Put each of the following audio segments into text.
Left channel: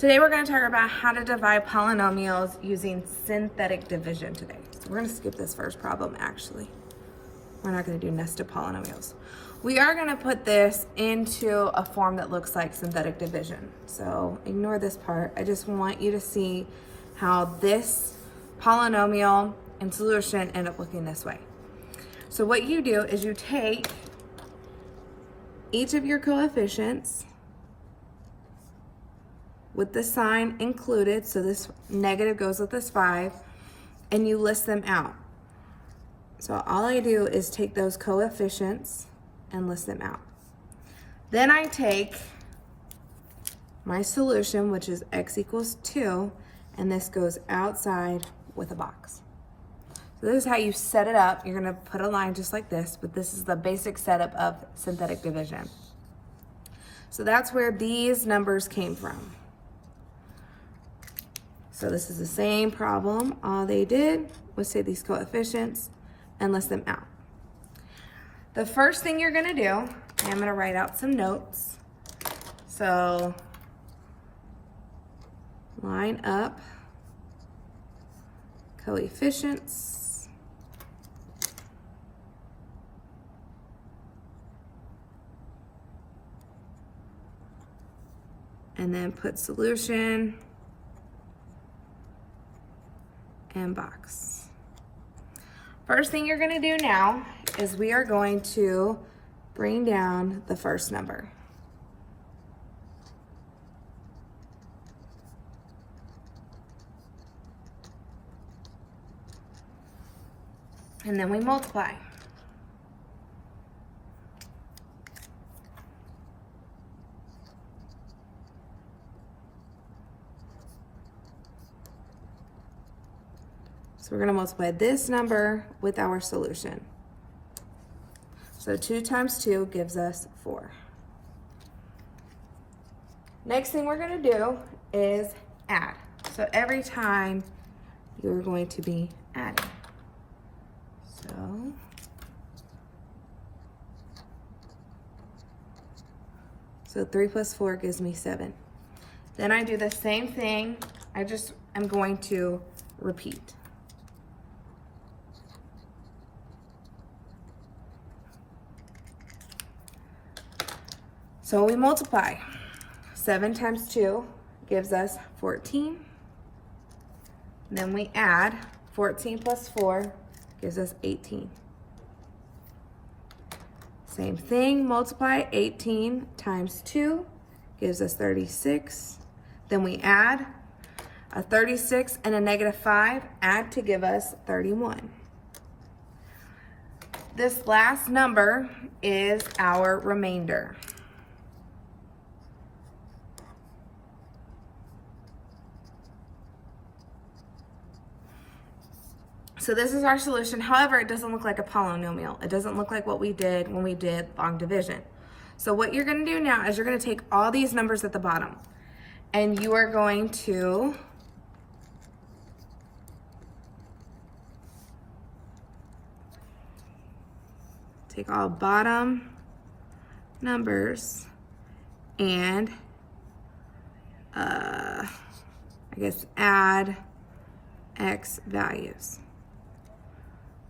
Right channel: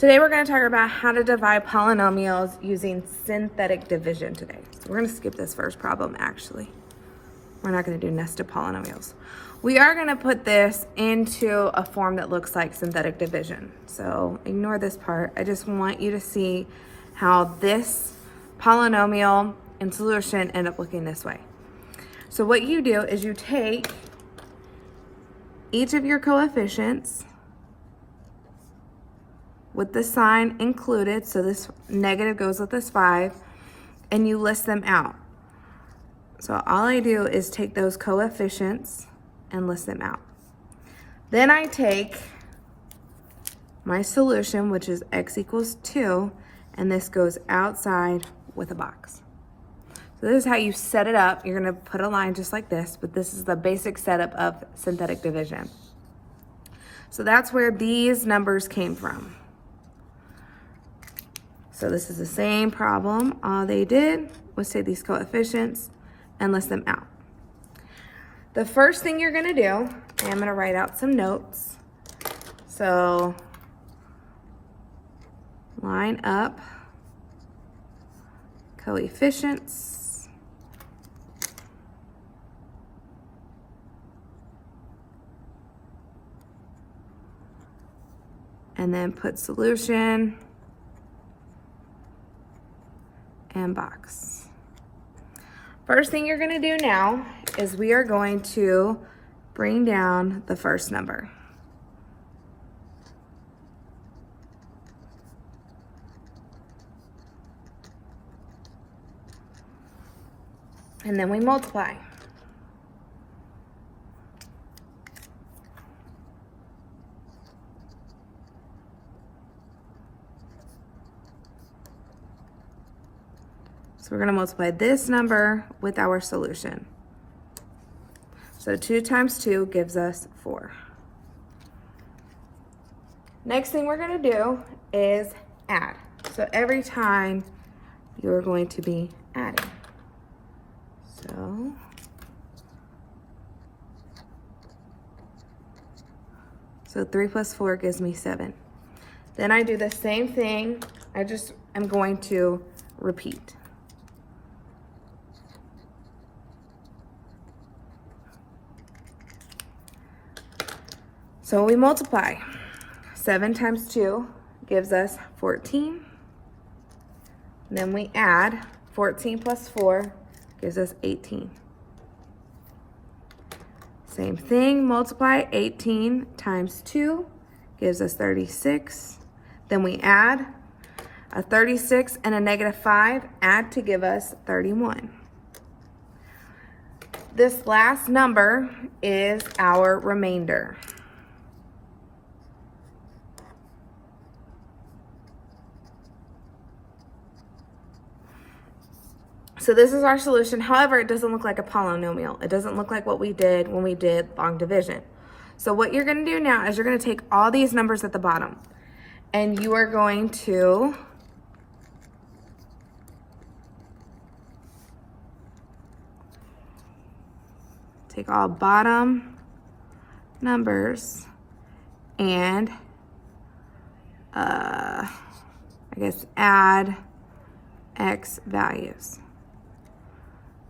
Today we're going to talk about how to divide polynomials using synthetic division today. So we're going to skip this first problem actually. We're not going to do nested polynomials. We are going to put this into a form that looks like synthetic division. So ignore this part. I just want you to see how this polynomial and solution end up looking this way. So what you do is you take each of your coefficients with the sign included, so this negative goes with this 5, and you list them out. So all I do is take those coefficients and list them out. Then I take my solution, which is x equals 2, and this goes outside with a box. So this is how you set it up. You're gonna put a line just like this, but this is the basic setup of synthetic division. So that's where these numbers came from. So this is the same problem. All they did was take these coefficients and list them out. The first thing you're gonna do, and I'm gonna write out some notes. So line up coefficients. And then put solution and box. First thing you're going to do now is we are going to bring down the first number. And then we multiply. So we're going to multiply this number with our solution. So 2 times 2 gives us 4. Next thing we're going to do is add. So every time you're going to be adding. So 3 plus 4 gives me 7. Then I do the same thing. I'm going to repeat. So we multiply. 7 times 2 gives us 14. Then we add 14 plus 4 gives us 18. Same thing, multiply 18 times 2 gives us 36. Then we add a 36 and a negative 5, add to give us 31. This last number is our remainder. So this is our solution. However, it doesn't look like a polynomial. It doesn't look like what we did when we did long division. So what you're going to do now is you're going to take all these numbers at the bottom and you are going to take all bottom numbers and I guess add x values.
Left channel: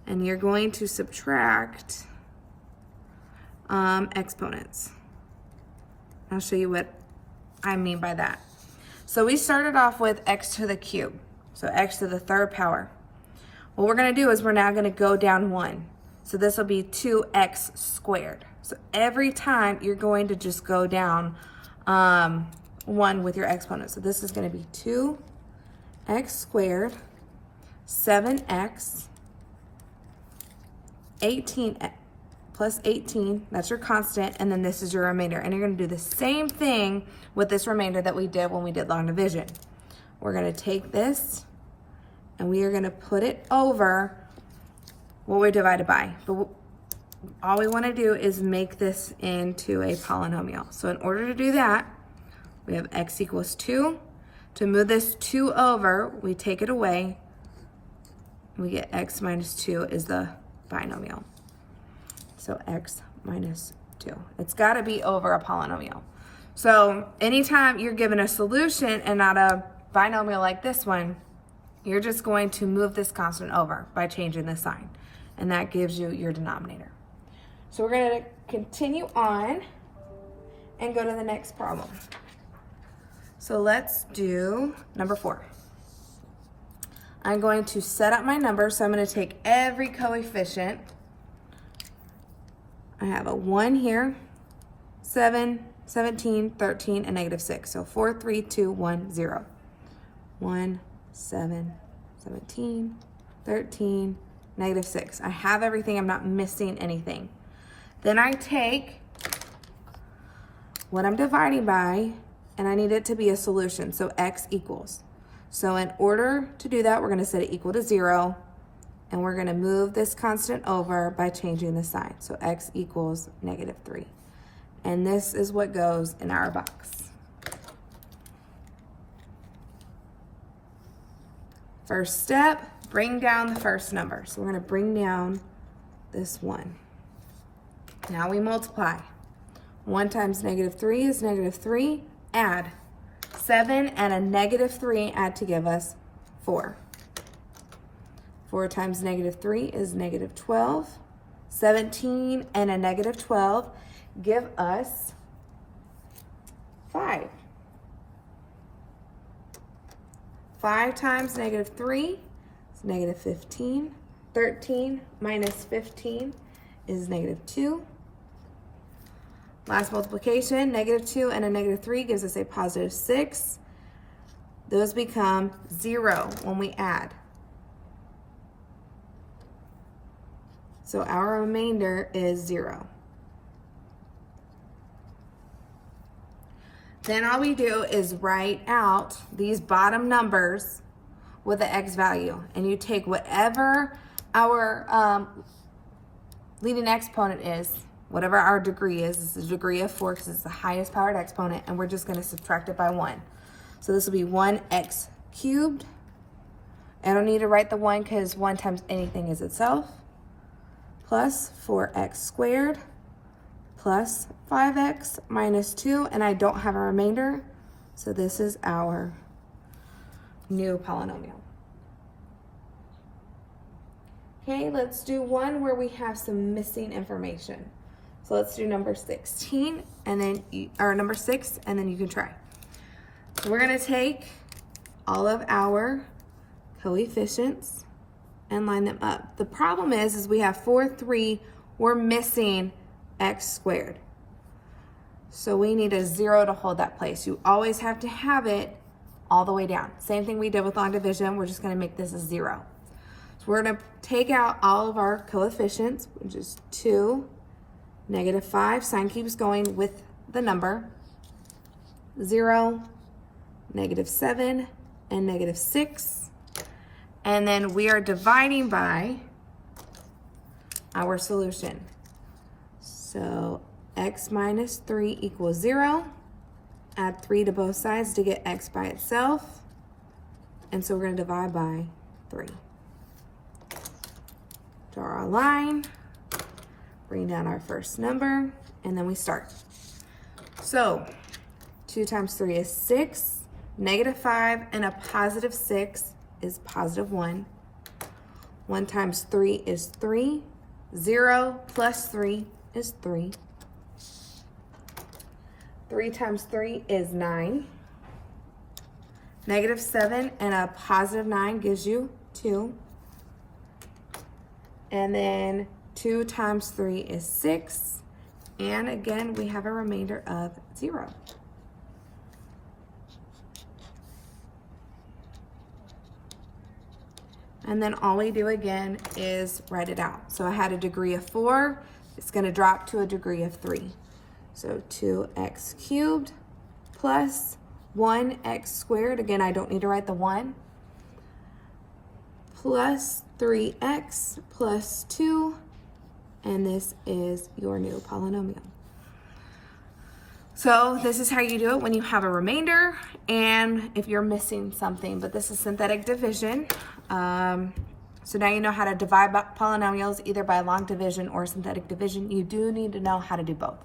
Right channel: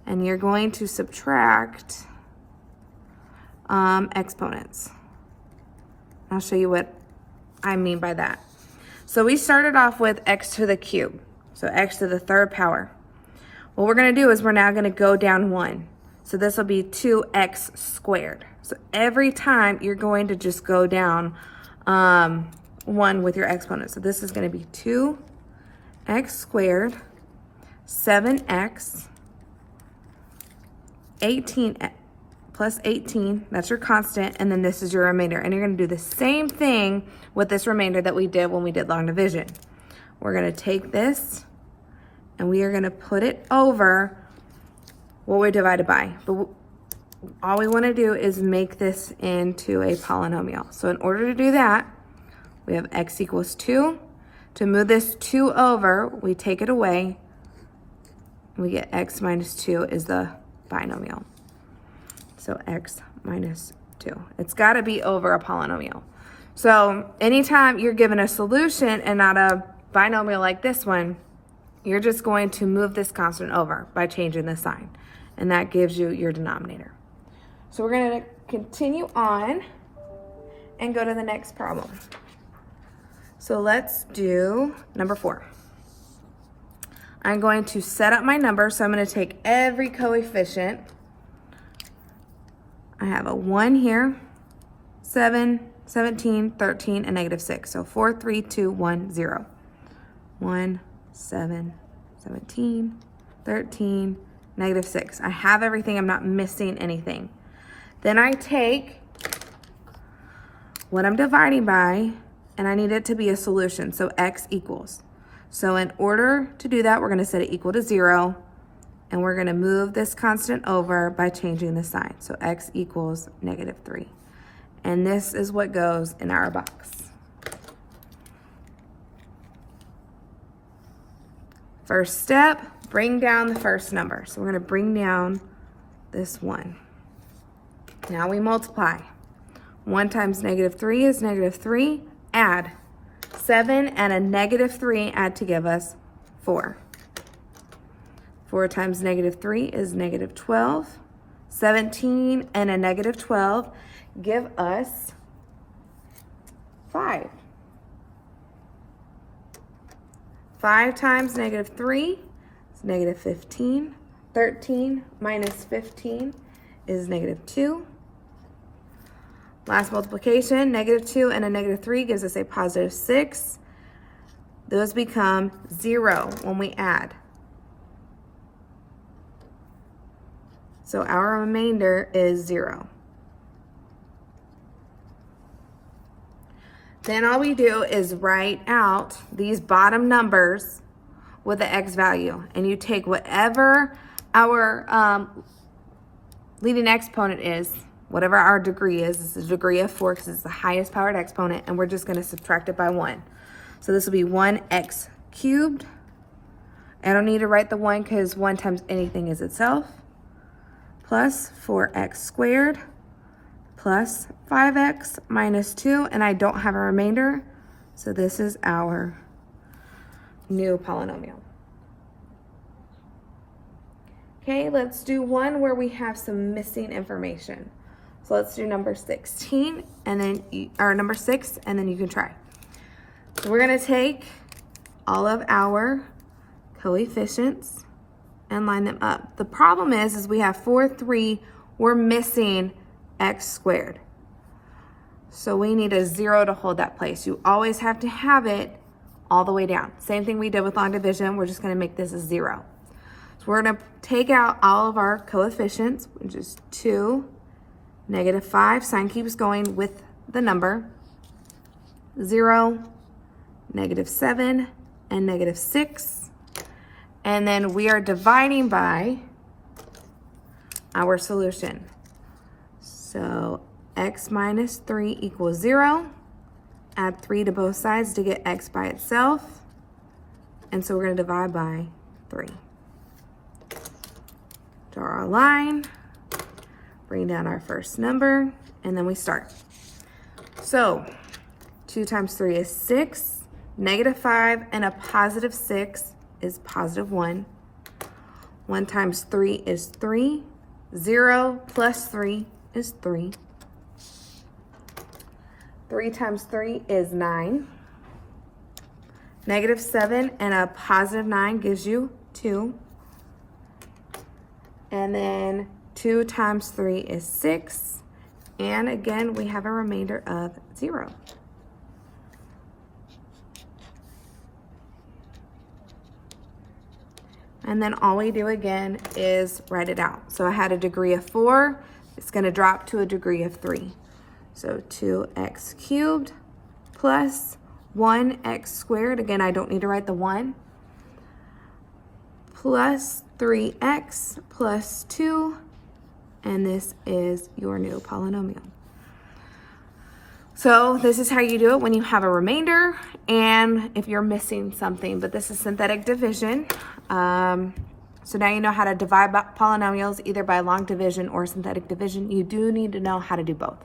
And you're going to subtract exponents. I'll show you what I mean by that. So we started off with x to the cube, so x to the 3rd power. What we're going to do is we're now going to go down 1. So this will be 2x squared. So every time you're going to just go down 1 with your exponent. So this is going to be 2x squared, 7x, 18 plus 18, that's your constant, and then this is your remainder. And you're going to do the same thing with this remainder that we did when we did long division. We're going to take this and we are going to put it over what we're divided by. But all we want to do is make this into a polynomial. So in order to do that, we have x equals 2. To move this 2 over, we take it away. We get x minus 2 is the binomial. So x minus 2. It's got to be over a polynomial. So anytime you're given a solution and not a binomial like this one, you're just going to move this constant over by changing the sign. And that gives you your denominator. So we're going to continue on and go to the next problem. So let's do number 4. I'm going to set up my number, so I'm going to take every coefficient. I have a 1 here, 7, 17, 13, and negative 6. So 4, 3, 2, 1, 0. 1, 7, 17, 13, negative 6. I have everything. I'm not missing anything. Then I take what I'm dividing by, and I need it to be a solution, so x equals. So in order to do that, we're going to set it equal to 0, and we're going to move this constant over by changing the sign. So x equals negative 3. And this is what goes in our box. First step, bring down the first number. So we're going to bring down this 1. Now we multiply. 1 times negative 3 is negative 3. Add 7 and a negative 3 add to give us 4. 4 times negative 3 is negative 12. 17 and a negative 12 give us 5. 5 times negative 3 is negative 15. 13 minus 15 is negative 2. Last multiplication, negative 2 and a negative 3 gives us a positive 6. Those become 0 when we add. So our remainder is 0. Then all we do is write out these bottom numbers with the x value. And you take whatever our leading exponent is, whatever our degree is. This is the degree of 4 because it's the highest powered exponent, and we're just going to subtract it by 1. So this will be 1x cubed. I don't need to write the 1 because 1 times anything is itself, plus 4x squared, plus 5x minus 2, and I don't have a remainder, so this is our new polynomial. Okay, let's do one where we have some missing information. So let's do number 16, and then or number 6, and then you can try. So we're going to take all of our coefficients and line them up. The problem is we have 4, 3, we're missing x squared. So we need a 0 to hold that place. You always have to have it all the way down. Same thing we did with long division, we're just going to make this a 0. So we're going to take out all of our coefficients, which is 2, negative 5, sign keeps going with the number, 0, negative 7, and negative 6. And then we are dividing by our solution. So x minus 3 equals 0. Add 3 to both sides to get x by itself. And so we're going to divide by 3. Draw our line. Bring down our first number, and then we start. So 2 times 3 is 6, negative 5, and a positive 6 is positive 1. 1 times 3 is 3. 0 plus 3 is 3. 3 times 3 is 9. Negative 7 and a positive 9 gives you 2. And then 2 times 3 is 6. And again, we have a remainder of 0. And then all we do again is write it out. So I had a degree of 4. It's going to drop to a degree of 3. So 2x cubed plus 1x squared. Again, I don't need to write the 1. Plus 3x plus 2. And this is your new polynomial. So this is how you do it when you have a remainder and if you're missing something, but this is synthetic division. So now you know how to divide polynomials either by long division or synthetic division. You do need to know how to do both.